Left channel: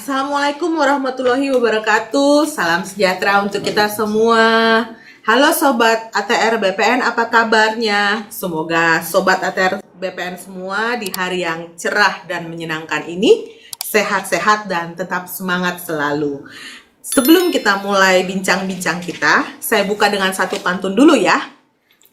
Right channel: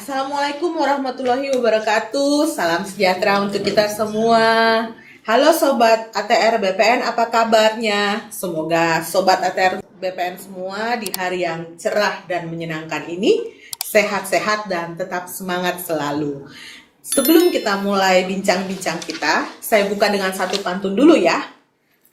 Assalamualaikum warahmatullahi wabarakatuh. Salam sejahtera untuk kita semua. Halo Sobat ATR BPN, apa kabarnya? Semoga Sobat ATR BPN semua di hari yang cerah dan menyenangkan ini sehat-sehat dan tetap semangat selalu. Sebelum kita mulai bincang-bincang kita, saya buka dengan satu pantun dulu ya.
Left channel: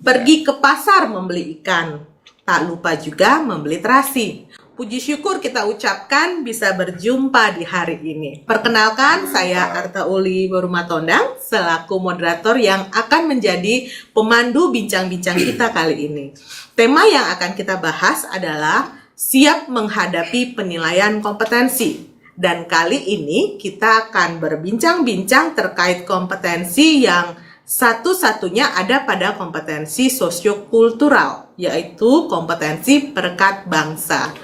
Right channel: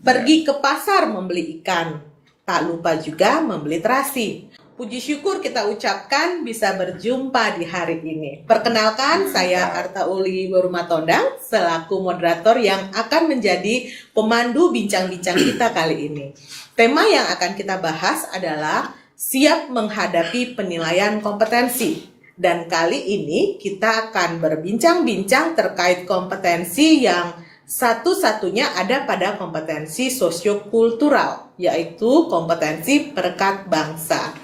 Pergi ke pasar membeli ikan, tak lupa juga membeli terasi. Puji syukur kita ucapkan bisa berjumpa di hari ini. Perkenalkan, saya Arta Uli Borumatondang selaku moderator yang akan menjadi pemandu bincang-bincang kita kali ini. Tema yang akan kita bahas adalah siap menghadapi penilaian kompetensi. Dan kali ini kita akan berbincang-bincang terkait kompetensi yang satu-satunya ada pada kompetensi sosiokultural, yaitu kompetensi perekat bangsa.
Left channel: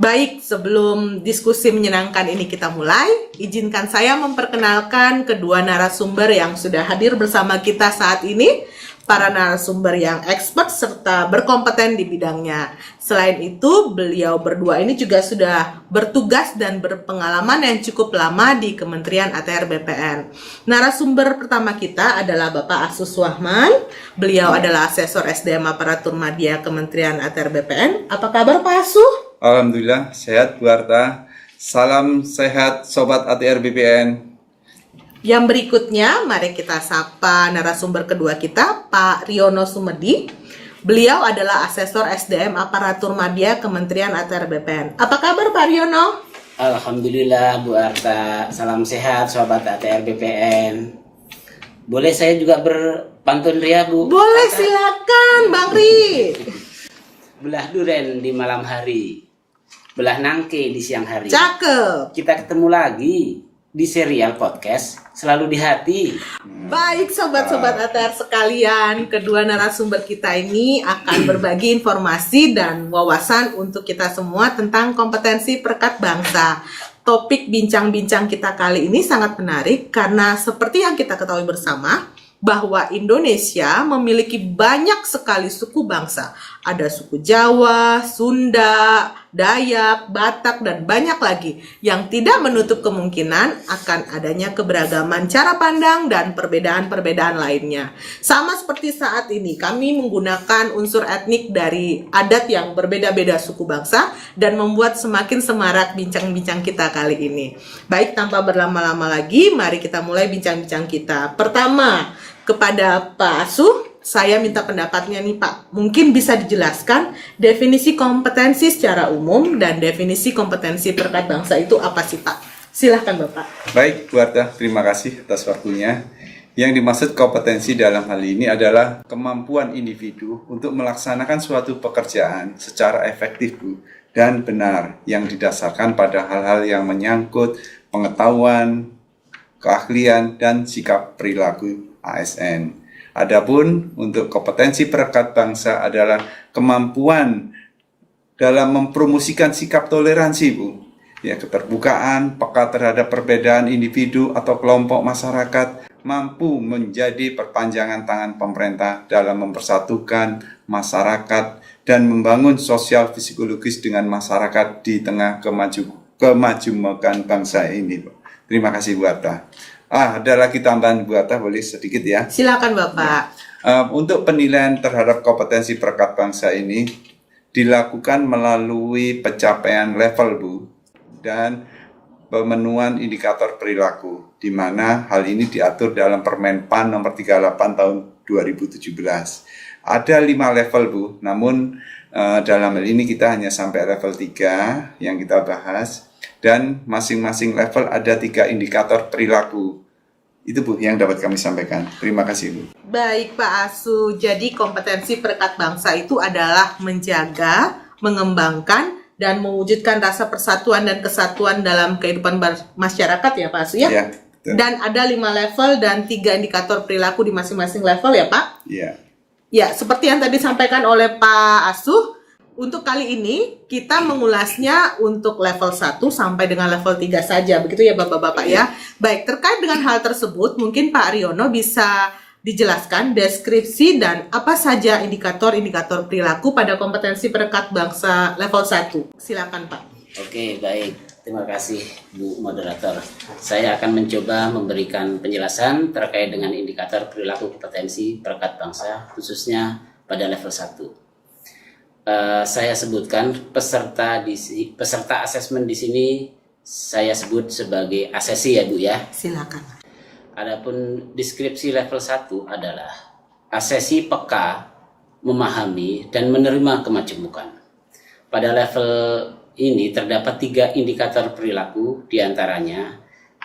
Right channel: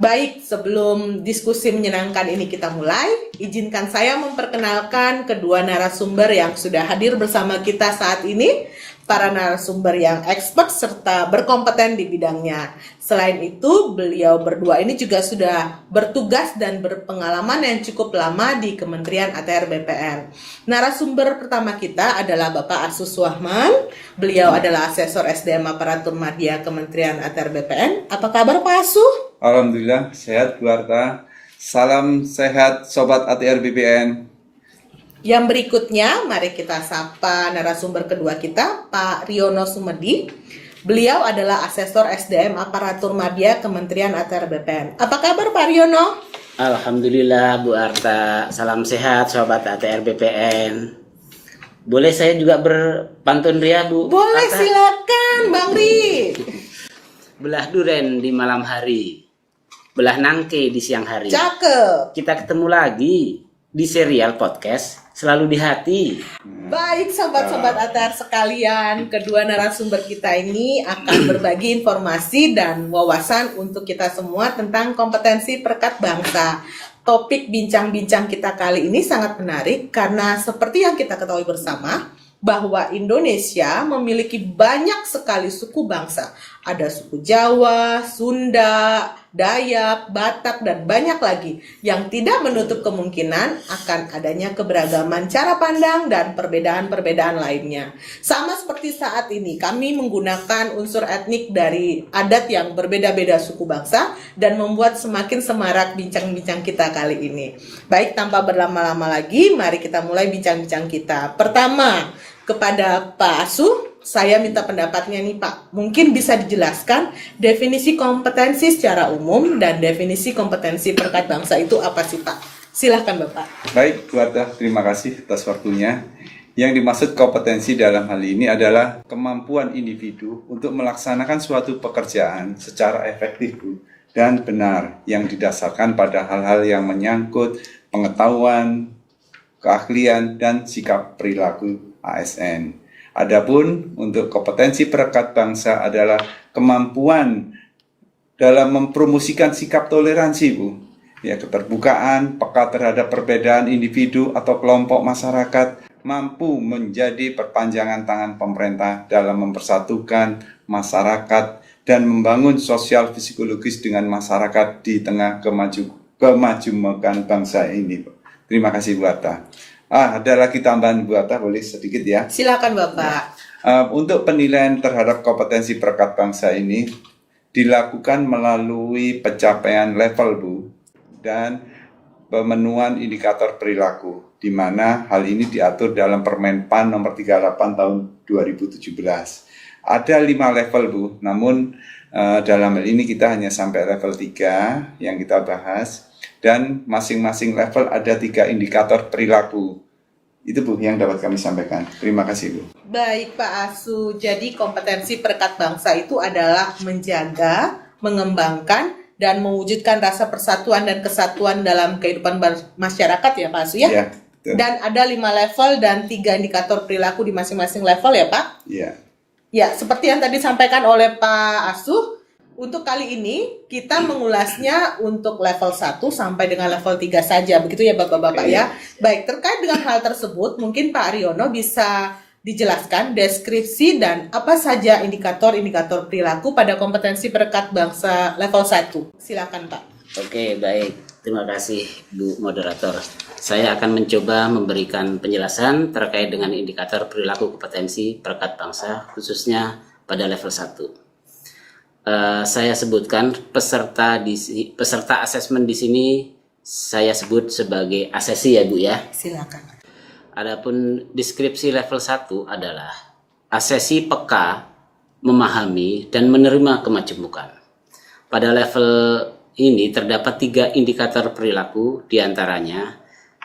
Baik, sebelum diskusi menyenangkan ini kita mulai, izinkan saya memperkenalkan kedua narasumber yang sudah hadir bersama kita saat ini, para narasumber yang expert serta berkompeten di bidangnya. Selain itu, beliau berdua ini juga sudah bertugas dan berpengalaman yang cukup lama di Kementerian ATR BPN. Narasumber pertama kita adalah Bapak Asus Wahman. Beliau adalah asesor SDM Aparatur Madya Kementerian ATR BPN. Apa kabar Pak Asuh? Alhamdulillah, sehat Bu Arta. Salam sehat Sobat ATR BPN. Yang berikutnya, mari kita sapa narasumber kedua kita, Pak Riono Sumedi. Beliau adalah asesor SDM Aparatur Madya Kementerian ATR BPN. Apa kabar Pak Riono? Alhamdulillah Bu Arta, salam sehat Sobat ATR BPN. Boleh saya juga berpantun ria Bu? Boleh, Arta? silakan Bang Ri. Belah duren di malam hari, belah nangke di siang hari. Cakep. Kita ketemu lagi di serial podcast Selalu di Hati. Baik sobat-sobat ATR sekalian, kedua narasumber kita ini akan berbagi informasi dan wawasan untuk kita semua tentang kompetensi perekat bangsa. Topik bincang-bincang kita kali ini sangat menarik karena seperti yang kita ketahui bersama, bahwa Indonesia memiliki banyak sekali suku bangsa. Ada suku Jawa, Sunda, Dayak, Batak, dan banyak lagi yang tidak menutup kemungkinan akan adanya keberagaman cara pandang dan perbedaan-perbedaan lainnya. Sama seperti saat ini, kami menggunakan unsur etnik dari adat yang berbeda-beda suku bangsa dan membuat semakin semarak bincang-bincang kita kali ini. Baik, tanpa berlama-lama lagi, mari kita mulai bincang-bincang kita. Pertama, kepada Pak Asuh, saya minta pendapatnya nih Pak. Mungkin bisa dijelaskan definisi kompetensi secara umum dan definisi kompetensi perekat bangsa itu apa sih Pak? Silahkan Bapak. Baik Bu Arta, terima kasih atas waktunya. Yang dimaksud kompetensi dalam hal ini adalah kemampuan individu untuk melaksanakan suatu pekerjaan secara efektif Bu, dan benar yang didasarkan pada hal-hal yang menyangkut pengetahuan, keahlian, dan sikap perilaku ASN. Adapun untuk kompetensi perekat bangsa adalah kemampuan dalam mempromosikan sikap toleransi Bu. Ya, keterbukaan, peka terhadap perbedaan individu atau kelompok masyarakat, mampu menjadi perpanjangan tangan pemerintah dalam mempersatukan masyarakat dan membangun sosial psikologis dengan masyarakat di tengah kemajuan bangsa ini. Terima kasih Bu Arta. Ada lagi tambahan Bu Arta, boleh sedikit ya? Silakan Bapak. Untuk penilaian terhadap kompetensi perekat bangsa ini dilakukan melalui pencapaian level Bu dan pemenuhan indikator perilaku, di mana hal ini diatur dalam Permen PAN nomor 38 tahun 2017. Ada 5 level Bu, namun dalam hal ini kita hanya sampai level 3 yang kita bahas. Dan masing-masing level ada 3 indikator perilaku. Itu Bu yang dapat kami sampaikan. Terima kasih Bu. Baik Pak Asu, jadi kompetensi perekat bangsa itu adalah menjaga, mengembangkan, dan mewujudkan rasa persatuan dan kesatuan dalam kehidupan masyarakat ya Pak Asu ya? Ya, betul. Dan ada 5 level dan 3 indikator perilaku di masing-masing level ya Pak? Ya. Ya, seperti yang tadi disampaikan oleh Pak Asuh, untuk kali ini kita mengulasnya untuk level 1 sampai dengan level 3 saja, begitu ya Bapak-Bapak ya. Baik, terkait dengan hal tersebut, mungkin Pak Riono bisa dijelaskan deskripsi dan apa saja indikator-indikator perilaku pada kompetensi perekat bangsa level 1. Silakan Pak. Oke, baik. Terima kasih Bu Moderator. Saya akan mencoba memberikan penjelasan terkait dengan indikator perilaku kompetensi perekat bangsa khususnya pada level 1. Saya sebutkan peserta asesmen di sini saya sebut sebagai asesi ya Bu ya. Silakan. Adapun deskripsi level 1 adalah asesi peka, memahami dan menerima kemajemukan. Pada level ini terdapat 3 indikator perilaku diantaranya.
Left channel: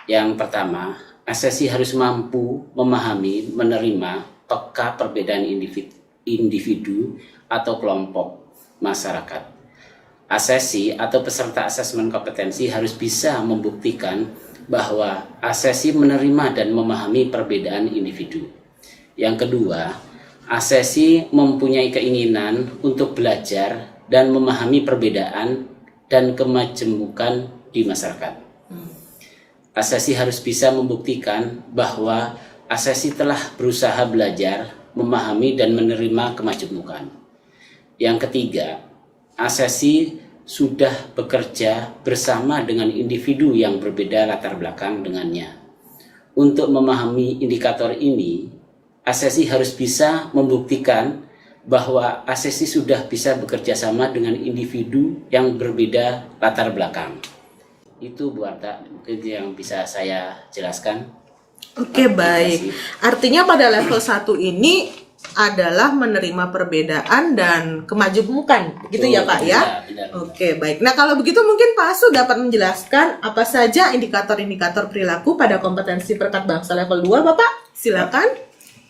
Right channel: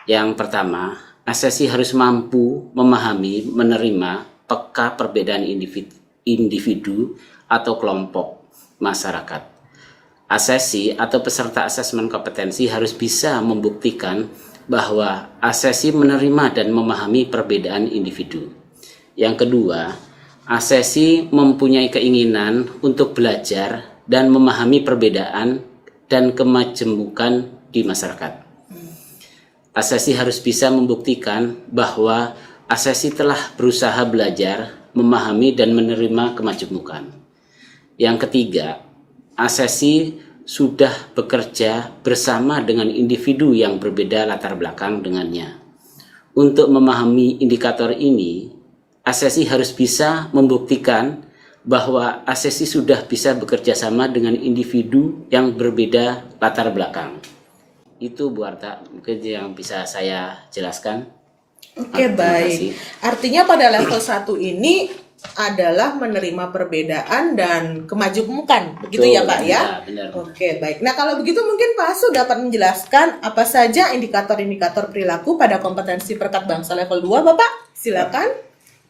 Yang pertama, asesi harus mampu memahami, menerima, peka perbedaan individu atau kelompok masyarakat. Asesi atau peserta asesmen kompetensi harus bisa membuktikan bahwa asesi menerima dan memahami perbedaan individu. Yang kedua, asesi mempunyai keinginan untuk belajar dan memahami perbedaan dan kemajemukan di masyarakat. Asesi harus bisa membuktikan bahwa asesi telah berusaha belajar, memahami dan menerima kemajemukan. Yang ketiga, asesi sudah bekerja bersama dengan individu yang berbeda latar belakang dengannya. Untuk memahami indikator ini, asesi harus bisa membuktikan bahwa asesi sudah bisa bekerja sama dengan individu yang berbeda latar belakang. Itu Bu Arta, mungkin yang bisa saya jelaskan. Oke, Terima baik. kasih. Artinya pada level 1 ini adalah menerima perbedaan dan kemajemukan. Begitu ya Pak ya? Benar. Oke, baik. Nah, kalau begitu mungkin Pak Asu dapat menjelaskan apa saja indikator-indikator perilaku pada kompetensi perekat bangsa level 2, Bapak? Silakan.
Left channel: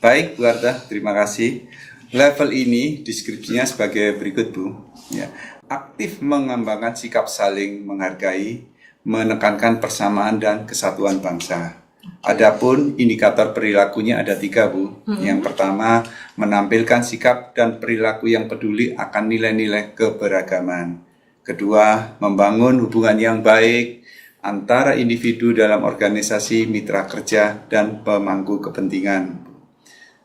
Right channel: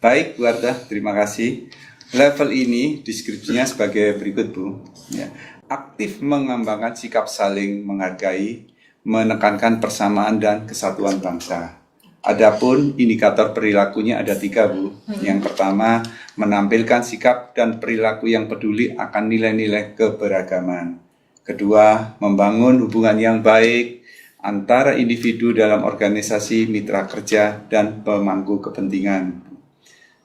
Baik, Bu Arta, terima kasih. Level ini deskripsinya sebagai berikut, Bu. Ya. Aktif mengembangkan sikap saling menghargai, menekankan persamaan dan kesatuan bangsa. Adapun indikator perilakunya ada 3, Bu. Yang pertama, menampilkan sikap dan perilaku yang peduli akan nilai-nilai keberagaman. Kedua, membangun hubungan yang baik antara individu dalam organisasi, mitra kerja, dan pemangku kepentingan.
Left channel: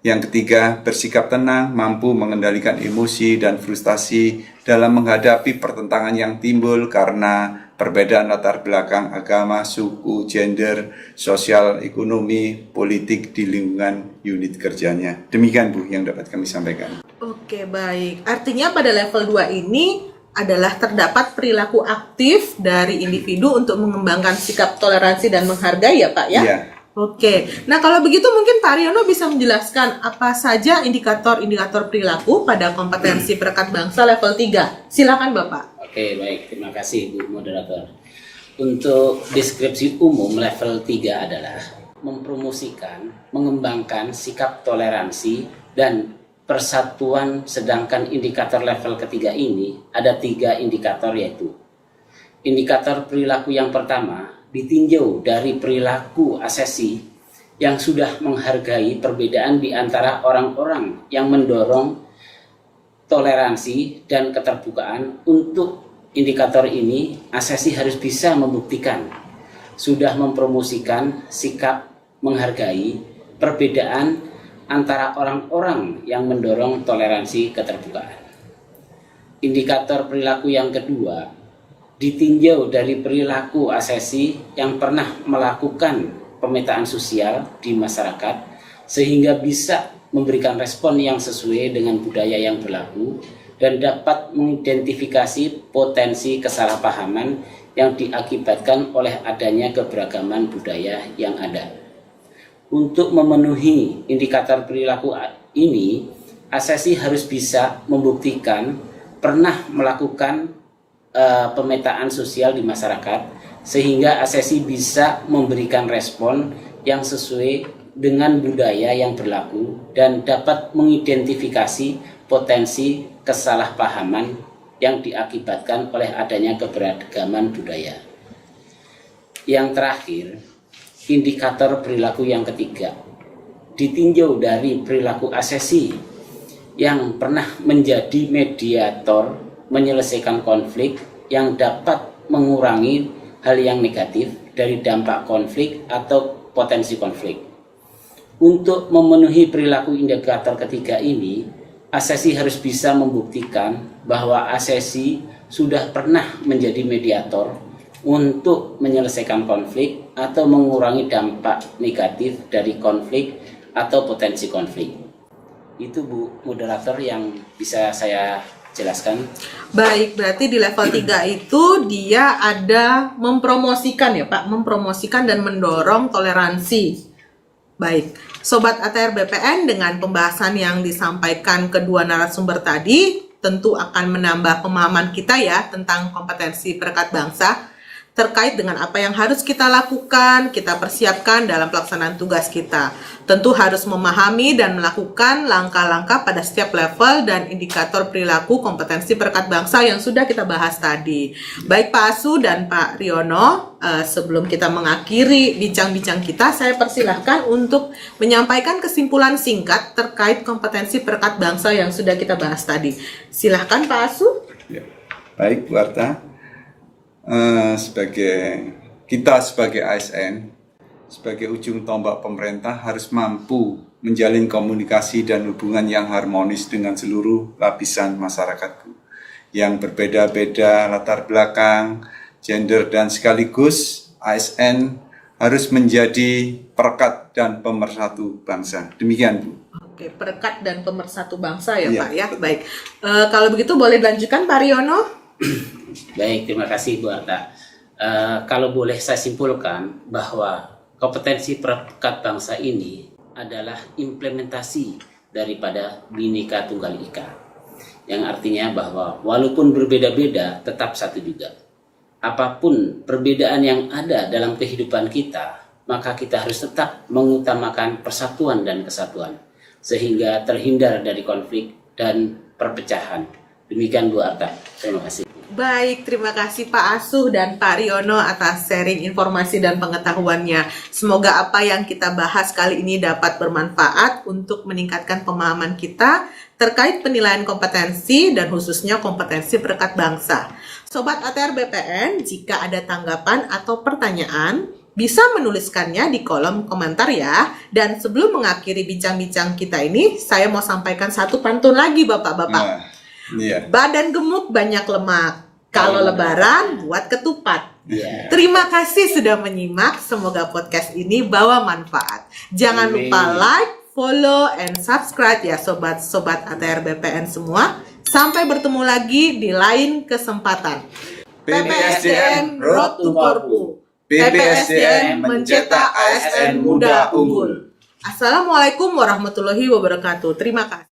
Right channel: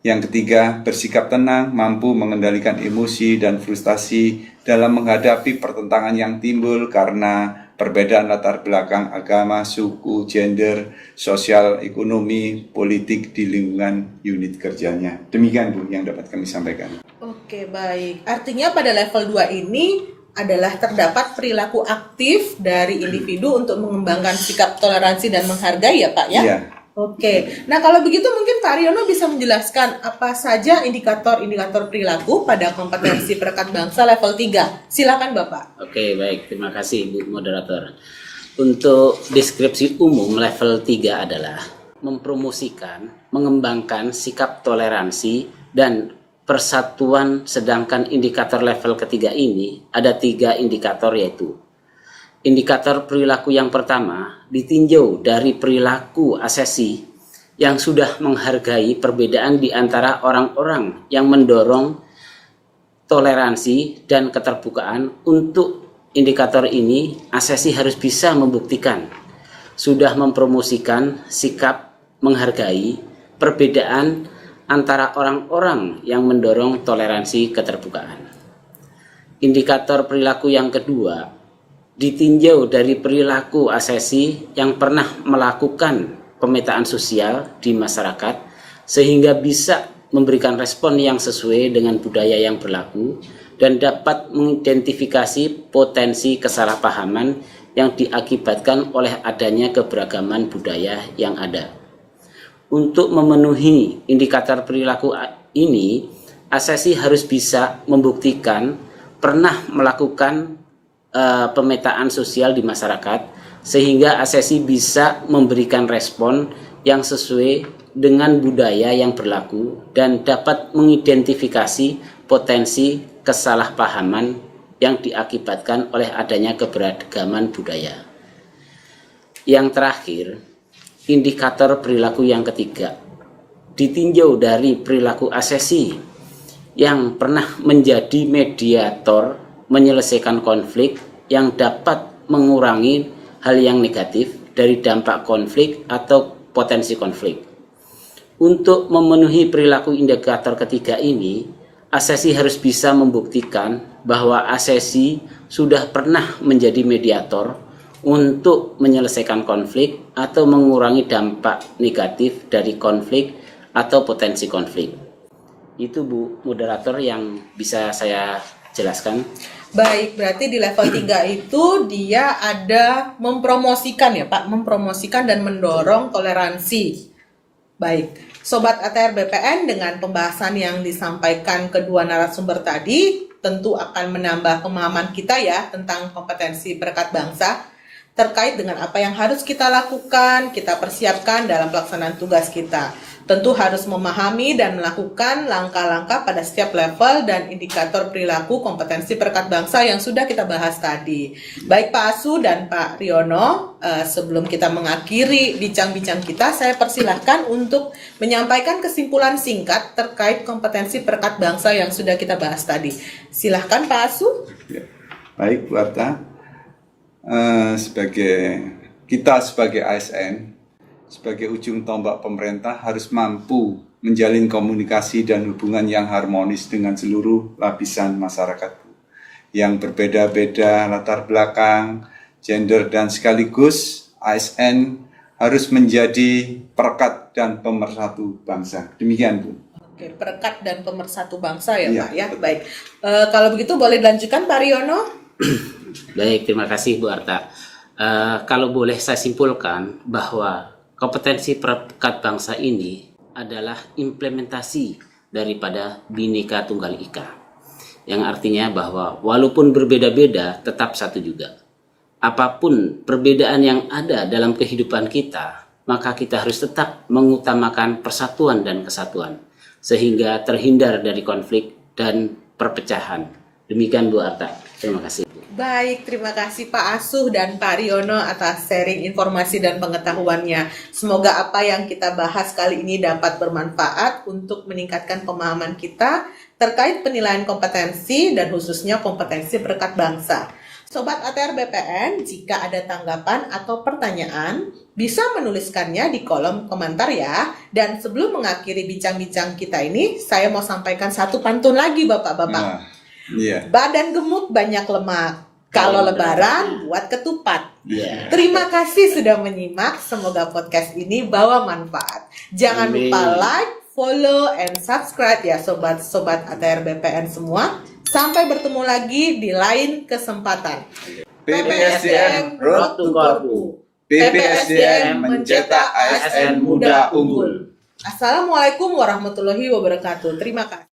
Yang ketiga, bersikap tenang, mampu mengendalikan emosi dan frustasi dalam menghadapi pertentangan yang timbul karena perbedaan latar belakang agama, suku, gender, sosial, ekonomi, politik di lingkungan unit kerjanya. Demikian Bu yang dapat kami sampaikan. Oke, baik. Artinya pada level 2 ini adalah terdapat perilaku aktif dari individu untuk mengembangkan sikap toleransi dan menghargai ya Pak ya? Iya. Oke, nah kalau begitu mungkin Pak Riono bisa menjelaskan apa saja indikator-indikator perilaku pada kompetensi perekat bangsa level 3. Silakan Bapak. Oke, baik. Terima kasih Bu Moderator. Untuk deskripsi umum level 3 adalah mempromosikan, mengembangkan sikap toleransi dan persatuan, sedangkan indikator level ketiga ini ada 3 indikator yaitu indikator perilaku yang pertama ditinjau dari perilaku asesi yang sudah menghargai perbedaan di antara orang-orang yang mendorong toleransi dan keterbukaan. Untuk indikator ini, asesi harus bisa membuktikan sudah mempromosikan sikap menghargai perbedaan antara orang-orang yang mendorong toleransi keterbukaan. Indikator perilaku yang kedua ditinjau dari perilaku asesi yang pernah melakukan pemetaan sosial di masyarakat sehingga bisa memberikan respon yang sesuai dengan budaya yang berlaku dan dapat mengidentifikasi potensi kesalahpahaman yang diakibatkan oleh adanya keberagaman budaya yang ada. Untuk memenuhi indikator perilaku ini, asesi harus bisa membuktikan pernah melakukan pemetaan sosial di masyarakat sehingga asesi bisa memberikan respon yang sesuai dengan budaya yang berlaku dan dapat mengidentifikasi potensi kesalahpahaman yang diakibatkan oleh adanya keberagaman budaya. Yang terakhir, indikator perilaku yang ketiga ditinjau dari perilaku asesi yang pernah menjadi mediator menyelesaikan konflik yang dapat mengurangi hal yang negatif dari dampak konflik atau potensi konflik. Untuk memenuhi perilaku indikator ketiga ini, asesi harus bisa membuktikan bahwa asesi sudah pernah menjadi mediator untuk menyelesaikan konflik atau mengurangi dampak negatif dari konflik atau potensi konflik. Itu Bu moderator yang bisa saya jelaskan. Baik, berarti di level 3 itu dia ada mempromosikan ya Pak, mempromosikan dan mendorong toleransi. Baik, Sobat ATR BPN, dengan pembahasan yang disampaikan kedua narasumber tadi, tentu akan menambah pemahaman kita ya tentang kompetensi perekat bangsa, terkait dengan apa yang harus kita lakukan, kita persiapkan dalam pelaksanaan tugas kita. Tentu harus memahami dan melakukan langkah-langkah pada setiap level dan indikator perilaku kompetensi perekat bangsa yang sudah kita bahas tadi. Baik Pak Asu dan Pak Riono, sebelum kita mengakhiri bincang-bincang kita, saya persilahkan untuk menyampaikan kesimpulan singkat terkait kompetensi perekat bangsa yang sudah kita bahas tadi. Silahkan Pak Asu. Ya. Baik Bu Arta. Sebagai ASN, sebagai ujung tombak pemerintah harus mampu menjalin komunikasi dan hubungan yang harmonis dengan seluruh lapisan masyarakat yang berbeda-beda latar belakang, gender, dan sekaligus ASN harus menjadi perekat dan pemersatu bangsa. Demikian Bu. Oke, perekat dan pemersatu bangsa ya Iya, Pak ya. betul. Baik, kalau begitu boleh dilanjutkan Pak Riono. Baik, terima kasih Bu Arta. Kalau boleh saya simpulkan bahwa kompetensi perekat bangsa ini adalah implementasi daripada Bhinneka Tunggal Ika, yang artinya bahwa walaupun berbeda-beda tetap satu juga. Apapun perbedaan yang ada dalam kehidupan kita, maka kita harus tetap mengutamakan persatuan dan kesatuan sehingga terhindar dari konflik dan perpecahan. Demikian Bu Arta. Terima kasih. Baik, terima kasih Pak Asuh dan Pak Riono atas sharing informasi dan pengetahuannya. Semoga apa yang kita bahas kali ini dapat bermanfaat untuk meningkatkan pemahaman kita terkait penilaian kompetensi dan khususnya kompetensi perekat bangsa. Sobat ATR BPN, jika ada tanggapan atau pertanyaan, bisa menuliskannya di kolom komentar ya. Dan sebelum mengakhiri bincang-bincang kita ini, saya mau sampaikan satu pantun lagi Bapak-Bapak. Nah, iya. Badan gemuk banyak lemak, kalau lebaran buat ketupat. Iya. Terima kasih sudah menyimak, semoga podcast ini bawa manfaat. Jangan Amin. lupa like, follow, and subscribe ya sobat-sobat ATR BPN semua. Sampai bertemu lagi di lain kesempatan. PPSDM Road to Korpu. PPSDM mencetak ASN muda unggul. Assalamualaikum warahmatullahi wabarakatuh. Terima kasih.